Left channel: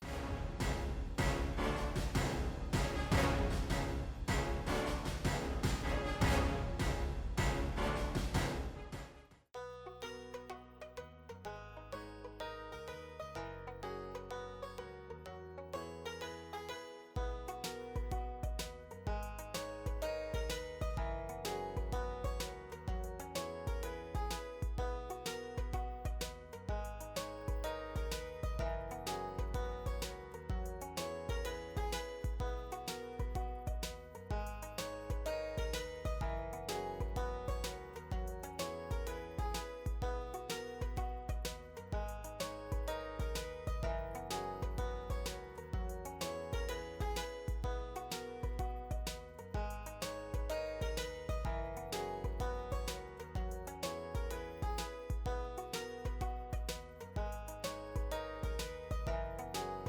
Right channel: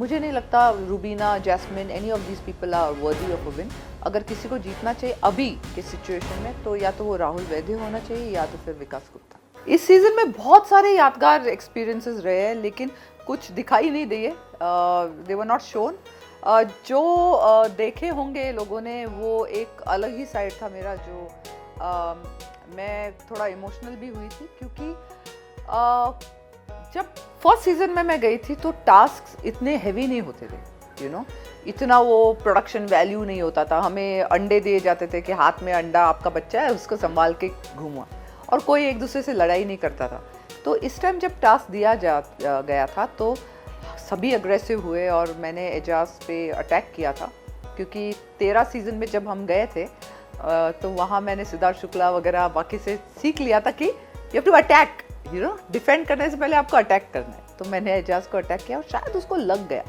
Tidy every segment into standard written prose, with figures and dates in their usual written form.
मुझे नहीं लगता Rubina, Jasmin, any of these people are worthy of a win. अगर किसी को जीतना चाहिए अभी के सिचुएशन में तो या तो वो राहुल वैद्य होना चाहिए या तो फिर विकास गुप्ता। इस सीजन में बहुत सारे यादगार एक्सपीरियंसेस रहे हैं लेकिन कुछ दिखाई नहीं दिए, दे वर नॉट शोन। जो देखे होंगे लोगों ने वो एक अलग ही साइड था मेरा, जो मैं थोड़ा इमोशनल भी हुई थी क्योंकि जब फर्स्ट सीजन में मैं गई थी तो टास्क इतने हैवी नहीं होते थे, यू नो, इतना वो प्रोडक्शन वैल्यू नहीं होता था। हमें अंडे दिए जाते थे कि हाथ में अंडा, आपका बच्चा है, उसको संभाल के घूमा, और कोई एक दूसरे से लड़ाई नहीं करता था। तो इस टाइम जब टास्क दिया गया था तो सभी अग्रेसिव हुए और मैंने एजाज पे अटैक किया था क्योंकि 13 सीजन में जब हम गए थे तो वहाँ मैंने सिद्धार्थ शुक्ला वगैरह बाकी से सीख लिया था कि you have to attack, you know, defend करने से पहले आपको अटैक करना है। तो मैंने एजाज को अटैक किया और शायद उसको लग गया,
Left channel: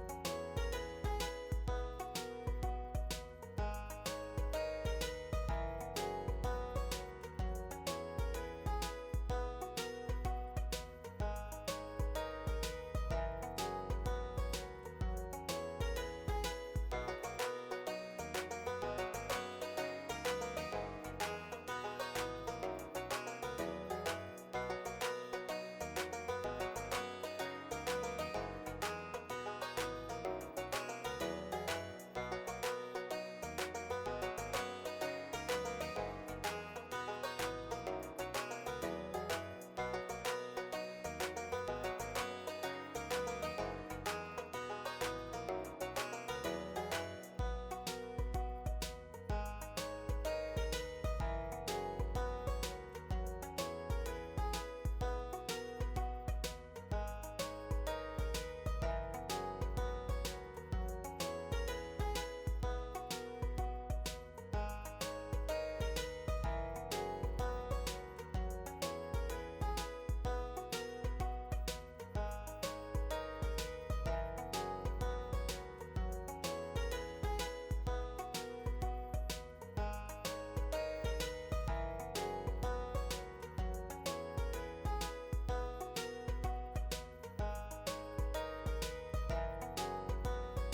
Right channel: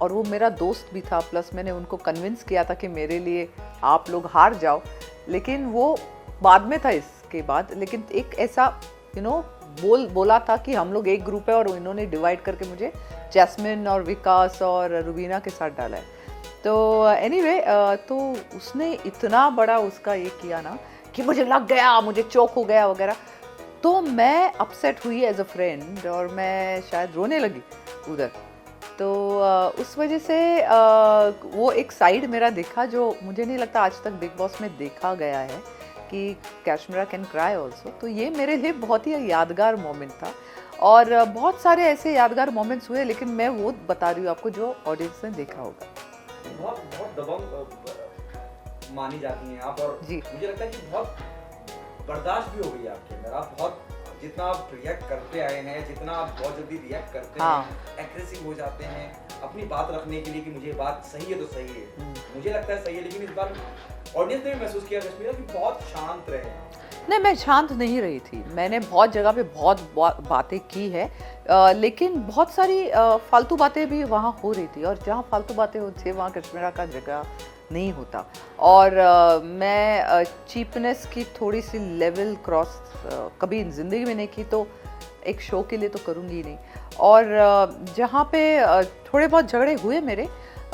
और वो मेरा दोस्त भी था, प्लस मैंने उनको कन्विंस किया था कि मेरे लिए आप लोग हार जाओ, लेकिन वो बाद में था इसके बाद। लेकिन एक ऐसा यू नो बोला था कि हम लोग एक ग्रुप है और इन्होंने डिवाइड करके मुझे जैस्मिन और विकास और रूबीना के साथ डाला है। तो एनीवे तो उसने इतना बड़ा उसका ये किया ना कि मुझे लग गया, मुझे चोक हो गया वगैरह, तो मैं अपसेट हुई एज अ फ्रेंड और मैं शायद रोने लगी उधर। तो उस वजह से वो एक साइड मेरा देखा जो मुझे नहीं लगता आज तक बिग बॉस में देखा गया है कि कैशमीरा कैन क्राई ऑल्सो। तो ये मेरे लिए बहुत ही यादगार मोमेंट था और बहुत सारे ऐसे यादगार मोमेंट्स हुए, लेकिन मैं वो बता रही हूँ आपको जो ऑडियंस ने देखा होगा। बहुत दबंग मानी जाती हैं आप, और मुझे लगता है कि बहुत बर्दाश्त भी हो गई आपके अंदर। आप बहुत जितना आप रिएक्ट करते आए हैं, जितना आप बहुत जल्दी रिएक्ट करते हैं, एग्रेसिव हो जाते हैं अपनी बात रखने के लिए कि मुझे बात सही है तो सही है, मुझे लगता है सही है, लेकिन इस बार ऑडियंस ने भी महसूस किया जसमीरा कि बहुत शांत रहे। नहीं, मैं शांत नहीं रही थी, मैंने बहुत जगह पे बहुत बातें की है, लेकिन बहुत सारी फालतू बातें भी वहाँ हो रही थी, और जहाँ फालतू बातें होती थी वहाँ कैशमीरा का जगह नहीं होता। और मैं चीपनेस की थोड़ी सी लेवल क्रॉस कभी ज़िंदगी में नहीं की, तो एक शो के लिए तो करूँगी नहीं। और जहाँ पे थोड़े बहुत झगड़े हुए मेरे,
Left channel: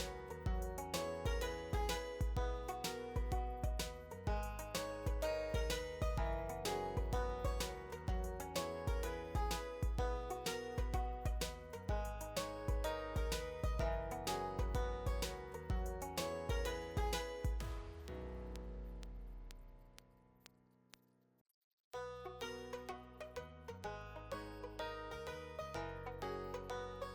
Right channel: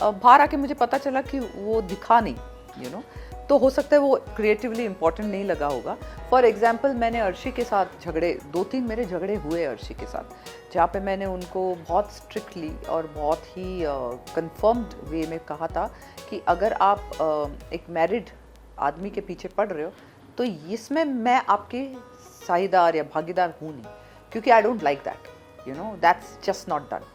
बाहर आके मुझे पता चला कि वो दिखा नहीं, यू नो, तो हो सकता है वो क्रिएटिवली इम्पोर्टेंट नहीं लगा होगा। फॉर एग्जाम्पल मैंने अर्शी के साथ झगड़े, 2-3 मेरे झगड़े हुए अर्शी के साथ, जहाँ पे मैंने उनको बहुत स्ट्रिक्टली और बहुत ही कंफर्म्ड वे में कहा था कि अगर आप एक मैरिड आदमी के पीछे पड़ रहे हो तो इसमें मैं आपके साझेदार या भागीदार हूँ नहीं, क्योंकि I don't like that, you know, that's just not done.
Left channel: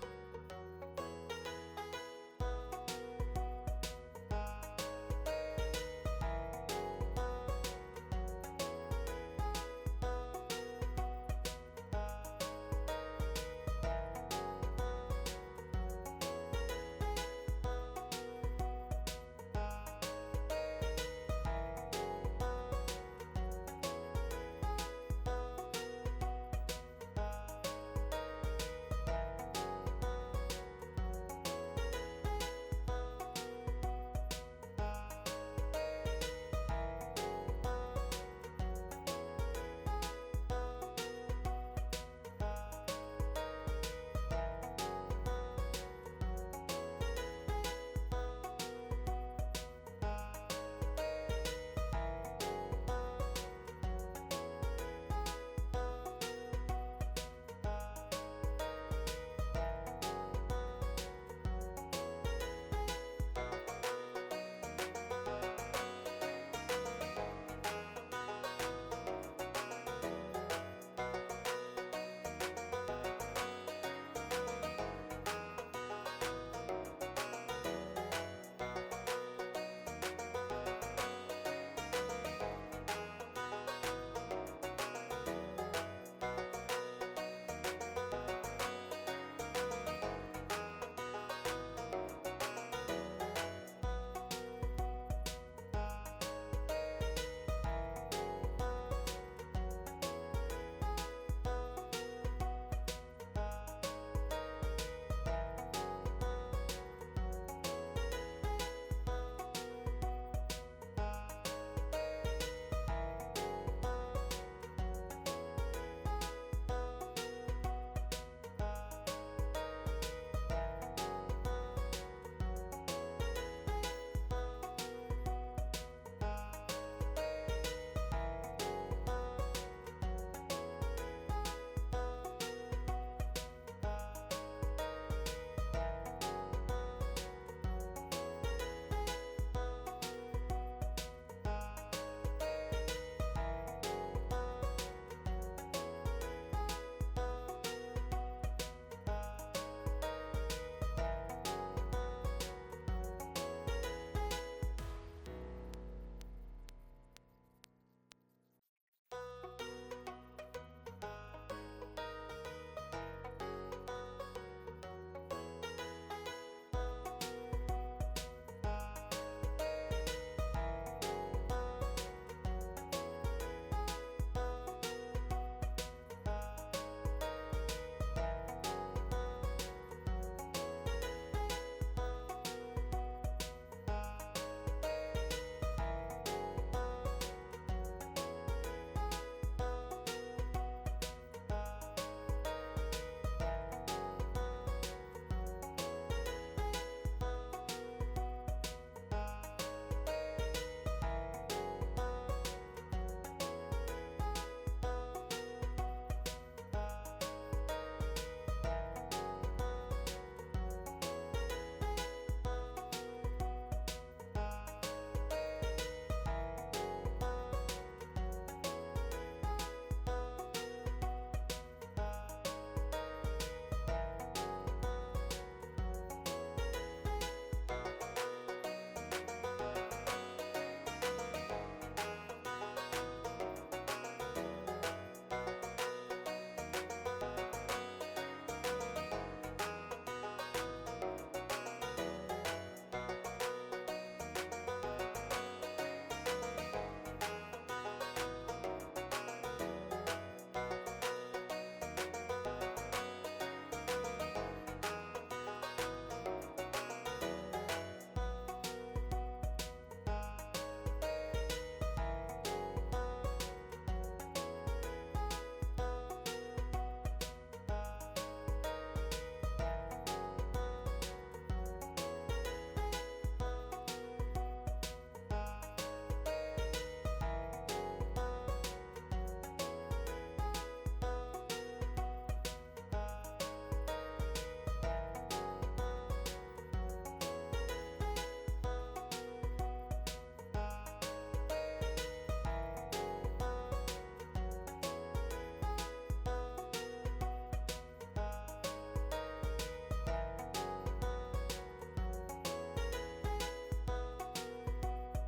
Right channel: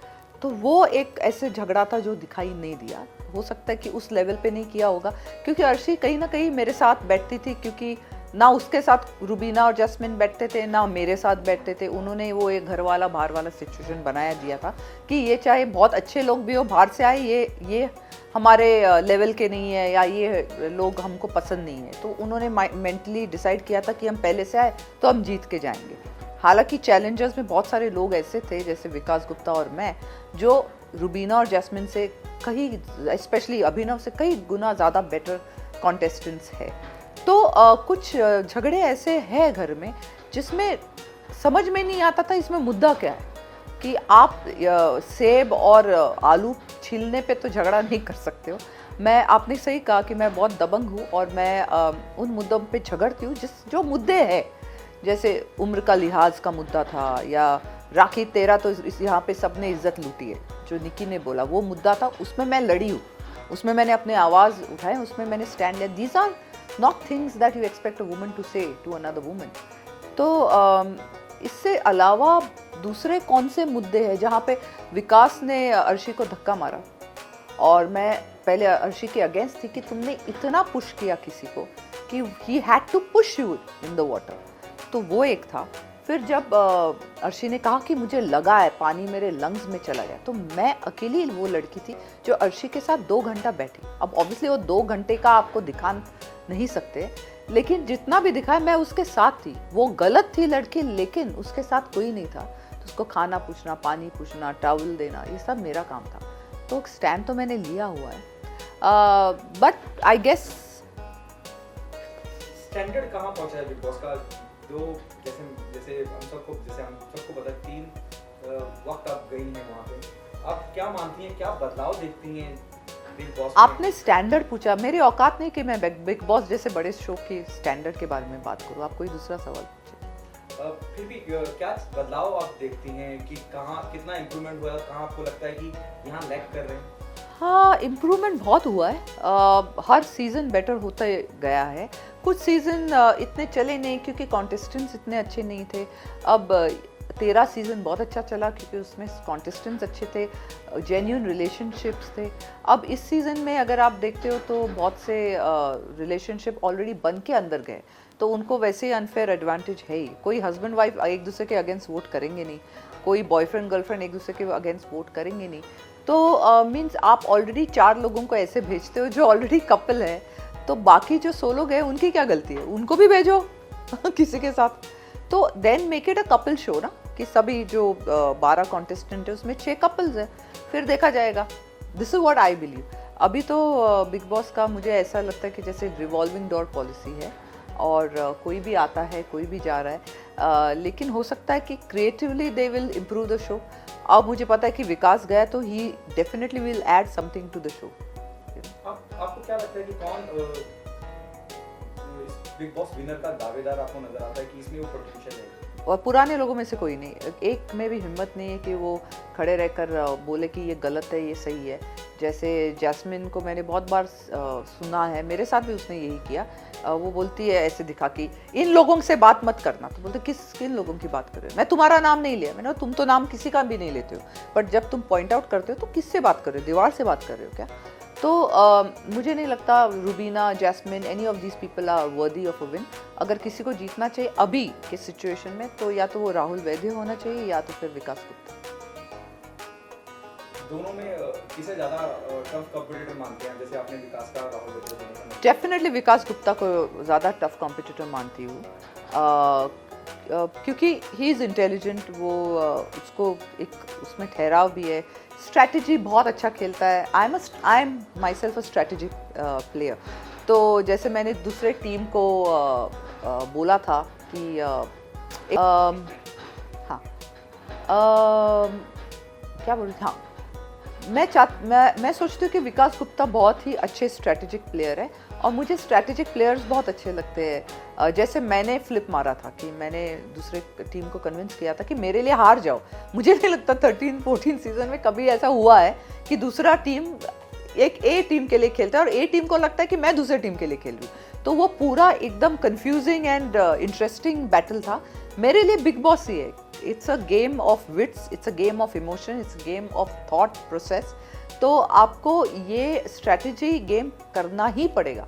तो वो एक ऐसे झगड़ा था जो दिखाई नहीं दिया। हो सकता है कि उस लेवल पे नहीं किया होगा क्योंकि अर्शी कहीं ना कहीं मेरे साथ बैठती थी, क्योंकि ना उसके साथ रूबीना और जैस्मिन बैठते थे ना मेरे साथ बैठते थे। उन्होंने वो एक घर वाला बाहर वाला सिचुएशन बनाया दिया था कि ये चाहे बहुत अच्छे लोग भी हो बाहर से आए, ये हमारे लेवल के नहीं है या ये लोग हमको पसंद नहीं है। तो उन्होंने मेंटली डिसाइड किया था कि हम पहले से आए तो हम जीत के जाएंगे। हालांकि चैलेंजर्स में बहुत सारे लोग ऐसे थे जैसे विकास गुप्ता और मैं, जो रूबीना और जैस्मिन से कहीं, स्पेशली अभिनव से कई गुना ज़्यादा बेटर कॉन्टेस्टेंट्स है। तो कुछ झगड़े ऐसे हैं घर में जिसमें समझ में नहीं आता था इसमें मुद्दा क्या है, कि आप सेब और आलू छीलने पे तो झगड़ा नहीं कर सकते हो। आपने सही कहा कि मैं बहुत दबंग हूँ और मैं उन मुद्दों पे झगड़ती हूँ जो मुद्दे हैं, जैसे उम्र का लिहाज का मुद्दा था, या राखी तेरा तो यहाँ पे सबने इज्जत लूटी है जो निकी ने बोला, वो मुद्दा था, उसमें मैं लड़ी हूँ, उसमें मैंने अपने आवाज़ उठाए, उसमें मैंने स्टैंड लिया। These are not things that you expect a woman to say to another woman. तो इससे अलावा दूसरे कौन से मुद्दे हैं जहाँ पे विकास ने अर्शी को धक्का मारा, और मैं पहले अर्शी के अगेंस्ट थी कि तुमने इतना पुश किया किसी को कि he had to push you in the water, तो वो एक था। फिर जब अर्शी ने कहा कि मुझे लगा है पानी मेरे लंग्स में चला गया, तो मैं अकेली वो लड़की थी जो अर्शी के साथ 2 घंटा बैठी। अब ऑब्वियसली वो 2 घंटे का आपको दिखा नहीं सकते, लेकिन जितना भी दिखाया मैं उसके साथ थी। वो गलत थी लड़की, लेकिन उसके साथ कोई नहीं था, तो उसको खाना पूछना, पानी पूछना, टॉवल देना, ये सब मेरा काम था। तो स्टैंड तो मैंने लिया हुआ है, बट आई गेस स्टैंडर्ड कहाँ पहुँचा है बिग बॉस का, जो जैसे हम सबको पता 3 वक्त आप गई हैं वहाँ पे, आप क्या मानती हैं, क्या बदलाव देखती हैं बिग बॉस में? आपने स्टैंडर्ड पूछा, मेरी औकात नहीं कि मैं बिग बॉस जैसे बड़े शो के स्टैंडर्ड के बारे में बात करूँ। आप कोई दूसरा सवाल पूछिए। फिर भी क्या बदलाव आप देखती हैं कि कहाँ कितना इम्प्रूवमेंट हुआ है, कहाँ आपको लगता है कि यहाँ लैग कर रहे हैं? हाँ, इम्प्रूवमेंट बहुत हुआ है। हर सीज़न बेटर होता गया है। कुछ सीज़न इतने चले नहीं क्योंकि कॉन्टेस्टेंट्स इतने अच्छे नहीं थे। अब 13 सीज़न बहुत अच्छा चला क्योंकि उसमें कॉन्टेस्टेंट्स अच्छे थे, जेन्युइन रिलेशनशिप्स थे। अब इस सीज़न में अगर आप देखते हो तो बहुत से रिलेशनशिप ऑलरेडी बन के अंदर गए, तो उनको वैसे ही अनफेयर एडवांटेज है ही। कोई हस्बैंड वाइफ एक दूसरे के अगेंस्ट वोट करेंगे नहीं, कोई बॉयफ्रेंड गर्लफ्रेंड एक दूसरे के अगेंस्ट वोट करेंगे नहीं। तो मीन्स आप ऑलरेडी 4 लोगों को ऐसे भेजते हो जो ऑलरेडी कपल है, तो बाकी जो 100 लोग हैं उनकी क्या गलती है, उनको भी भेजो किसी के साथ। तो then make it a couple show ना, कि सभी जो 12 कॉन्टेस्टेंट है उसमें 6 कपल्स हैं, फिर देखा जाएगा। This is what I believe. अभी तो बिग बॉस का मुझे ऐसा लगता है कि जैसे रिवॉल्विंग डोर पॉलिसी है और कोई भी आता है कोई भी जा रहा है, लेकिन हो सकता है कि creatively they will improve the show. अब मुझे पता है कि विकास गया तो ही definitely will add something to the show. आपको क्या लगता है कि कौन बिग बॉस विनर का दावेदार आपको नजर आता है कि इसमें वो पोटेंशियल है? और पुराने लोगों में से कोई नहीं, एक में भी हिम्मत नहीं है कि वो खड़े रहकर बोले कि ये गलत है ये सही है। जैसे जैस्मिन को मैंने बहुत बार सुना है, मेरे साथ भी उसने यही किया। वो बोलती है ऐसे दिखा कि इन लोगों से बात मत करना, तो बोलते किन लोगों की बात कर रहे हो, मैं तुम्हारा नाम नहीं लिया। मैंने तुम तो नाम किसी का भी नहीं लेते हो, बट जब तुम पॉइंट आउट करते हो तो किससे बात कर रहे हो, दीवार से बात कर रहे हो क्या? तो मुझे नहीं लगता Rubina, Jasmin, any of these people are worthy of a win. अगर किसी को जीतना चाहिए अभी के सिचुएशन में तो या तो वो राहुल वैद्य होना चाहिए या तो फिर विकास गुप्ता। दोनों में किसे ज्यादा टफ कॉम्पिटिटर मानते हैं? जैसे आपने विकास का, राहुल वैद्य का। डेफिनेटली विकास गुप्ता को ज़्यादा टफ कॉम्पिटिटर मानती हूँ, क्योंकि ही इज़ इंटेलिजेंट। वो उसको एक उसमें ठहराव भी है, स्ट्रैटेजी बहुत अच्छा खेलता है। I am my self a strategy player. तो जैसे मैंने दूसरे टीम को बोला था कि हाँ, क्या बोल रही थी, हाँ, मैं सोचती हूँ कि विकास गुप्ता बहुत ही अच्छे स्ट्रैटेजिक प्लेयर है और मुझे स्ट्रैटेजिक प्लेयर्स बहुत अच्छे लगते हैं। जैसे मैंने फ्लिप मारा था कि मैंने दूसरे टीम को कन्विंस किया था कि मेरे लिए हार जाओ। मुझे नहीं लगता 13-14 सीजन में कभी ऐसा हुआ है कि दूसरा टीम एक ए टीम के लिए खेलता है और ए टीम को लगता है कि मैं दूसरे टीम के लिए खेल रही हूँ। तो वो पूरा एकदम कंफ्यूजिंग एंड इंटरेस्टिंग बैटल था। मेरे लिए बिग बॉस ही है, it's a game of wits, it's a game of emotion, it's a game of thought process. तो आपको ये स्ट्रैटेजी गेम करना ही पड़ेगा।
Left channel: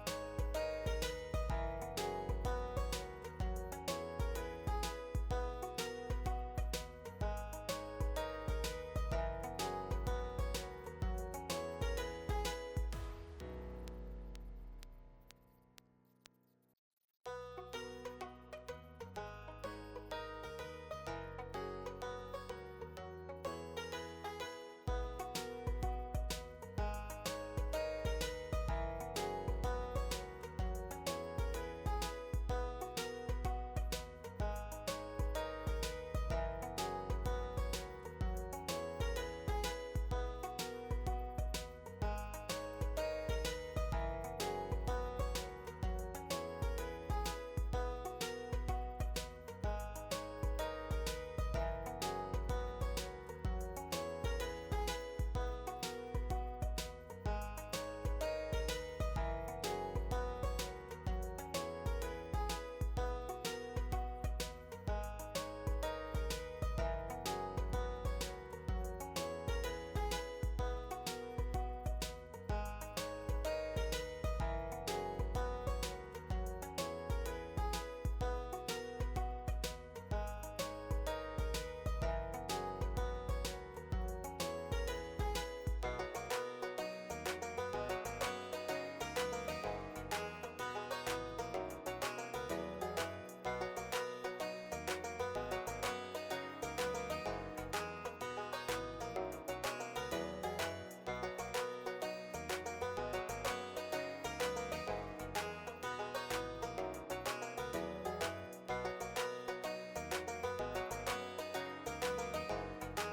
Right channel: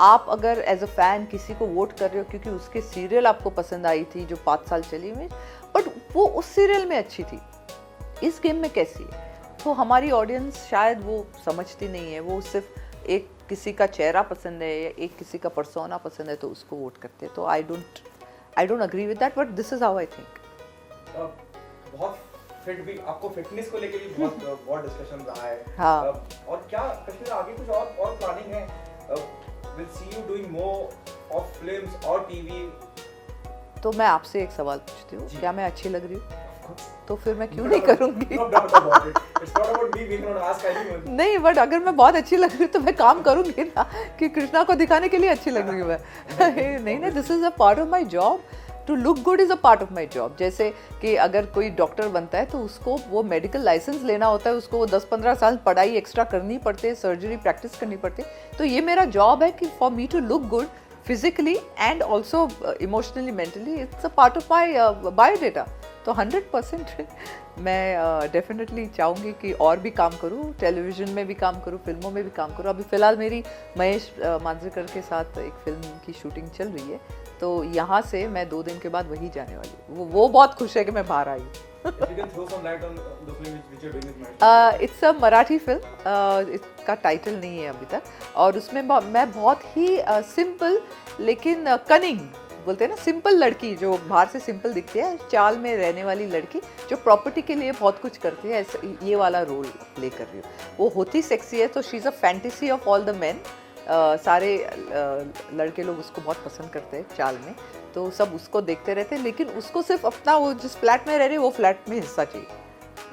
आप अगर एज अ फैन किसी को वोट कर रहे हो क्योंकि उसके सीरियल आपको पसंद आई थी जो 5 साल चली हुई, बट वो उस सीरियल में अच्छी थी, इस गेम में कैसी है, तो हमारी ऑडियंस शायद वो समझती नहीं है। वो सिर्फ एक किसी का चेहरा पसंद है या एक किसी का पर्सोना पसंद है तो उसको वोट करते हैं। तो I don't agree with that, but this is how I think. बहुत फिट भी, आपको फिटनेस को लेके भी बहुत डिस्कशन रहा है। हाँ। और क्या कश्मीर आगे कुछ और प्लानिंग है? Will see you doing more of films और टीवी? तो मैं आपसे एक सवाल पूछती हूँ, क्या मैं अच्छी लग रही हूँ? तो फिर मैं क्यों नहीं करूँगी? नहीं, बट अगर मैं बहुत अच्छी लग रही हूँ तो मैं काम करूँगी ना, कि कृष्णा को दिखाने के लिए अच्छी लग रही हूँ मैं। नहीं, this is a part of my job. To look good is a part of my job. जैसे कि अगर कोई डॉक्टर बनता है तो उसको वो मेडिकल लाइसेंस लेना होता है, उसको वो 10-15 साल पढ़ाई एक्स्ट्रा करनी पड़ती है, सर्जरी प्रैक्टिस करनी पड़ती है। तो ये मेरा जॉब है कि for me to look good physically and also emotionally, mentally, it's a part of my biodata. तो 100% मैं डेफिनेटली चाहूँगी कि और भी काम करूँ, टेलीविज़न में भी काम करूँ, फिल्मों में भी काम करूँ। अभी फ़िलहाल मेरी महेश मांजरेकर के साथ एक फिल्म की शूटिंग चल रही है, तो यहाँ से मैं 2 दिन के बाद वही जाने वाली हूँ। वो बहुत खुश है कि मैं बाहर I it's a Marathi film, इसका टाइटल नहीं है अभी तक, और उसमें मैं बहुत ही सिंपल लेकिन कनिंग बोलते हैं ना, सिंपल लड़की जो बाहर से सिंपल दिखती है, चाल में रहने वाली लड़की जो प्रॉपर्टी के लिए बहुत कुछ करती है, ऐसा ये वाला रोल प्ले कर रही है। वो होती सेक्सी है, तो she is a fantasy of all the main. सारे लड़के लोग उसको बहुत पसंद करते हैं चाल में, तो सब उसको देखते रहते हैं, लेकिन उसको सिर्फ अपना वो जिस फ्लैट में रह रही है वो फ्लैट में हिस्सा चाहिए।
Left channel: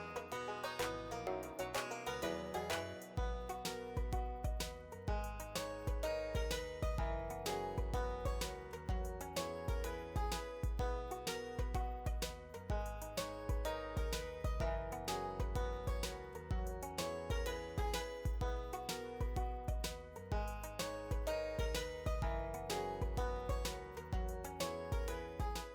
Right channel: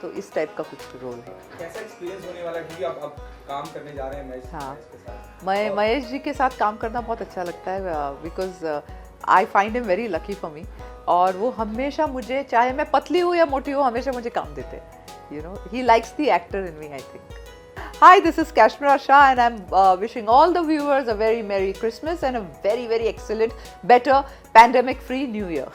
तो इस टाइप का कुछ रोल है। कैसा एक्सपीरियंस होने वाला है, क्योंकि आप काम करने जा रहे हैं महेश हाँ। के साथ? महेश जी के साथ काम करना बहुत अच्छा लगता है, because I find him very lucky for me. और वो हमेशा मुझे, चाहे मैं पतली हूँ या मोटी हूँ, हमेशा मुझे काम देते हैं। You know, he likes the actor in me, I think. Hi, this is Kashmira Shah, and I'm wishing all the viewers a very Merry Christmas and a very, very excellent, better, pandemic-free New Year.